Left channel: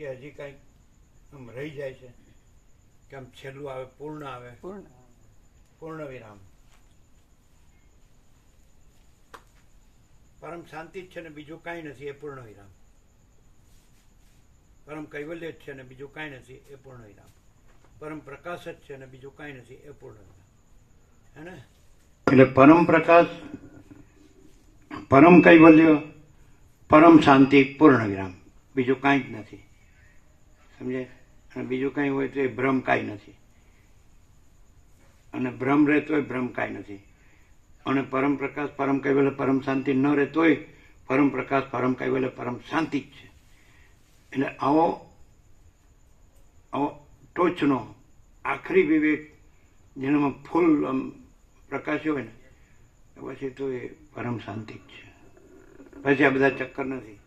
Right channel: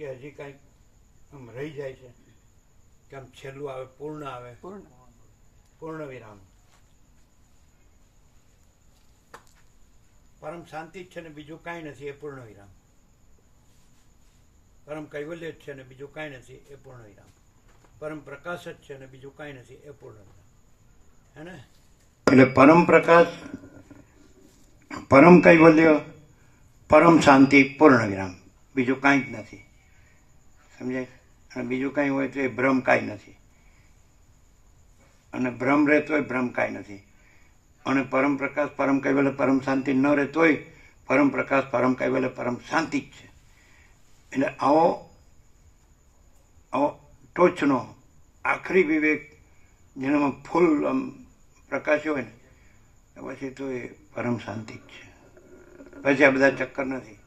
કે હજી કાંઈક આમ રહી જાય છે કે આમ છેલ્લું આવે, પૂર્ણ આવે, પૂર્ણ વિરામ. પરમ શાંતિ જ છે ને બીજું કાંઈ નથી, એ પૂર્ણ વિરામ. પરમ કૈવલ્ય જ છે ને બીજું કાંઈ નથી, એ પૂર્ણ વિરામ. પરમ પ્રકાશ જ છે ને બીજું કાંઈ નથી, એ પૂર્ણ વિરામ. હે ને? એટલે પરમ પ્રકાશ, પરમ કૈવલ્ય, પરમ શાંતિ, પૂર્ણ વિરામ, બીજું કાંઈ જ નથી. સમજાય? અને બીજું કાંઈ હોય તો એ ભ્રમ કાંઈ નથી, અને ભ્રમ રહેતો હોય ભ્રમ કાંઈ નથી. અને પરમ પ્રકાશ, પરમ કૈવલ્ય, પરમ શાંતિ ન રહેતો હોય, પરમ પ્રકાશ, પરમ કૈવલ્ય, પરમ શાંતિ જ છે. એટલે આવો ટોચનો આખરી વિવેક જેનામાં ફૂલ આમ પ્રકાશ્યો હોય ને પછી તો એ પરમ શાંતિ જ છે. પછી આ બધા ચક્કર નથી.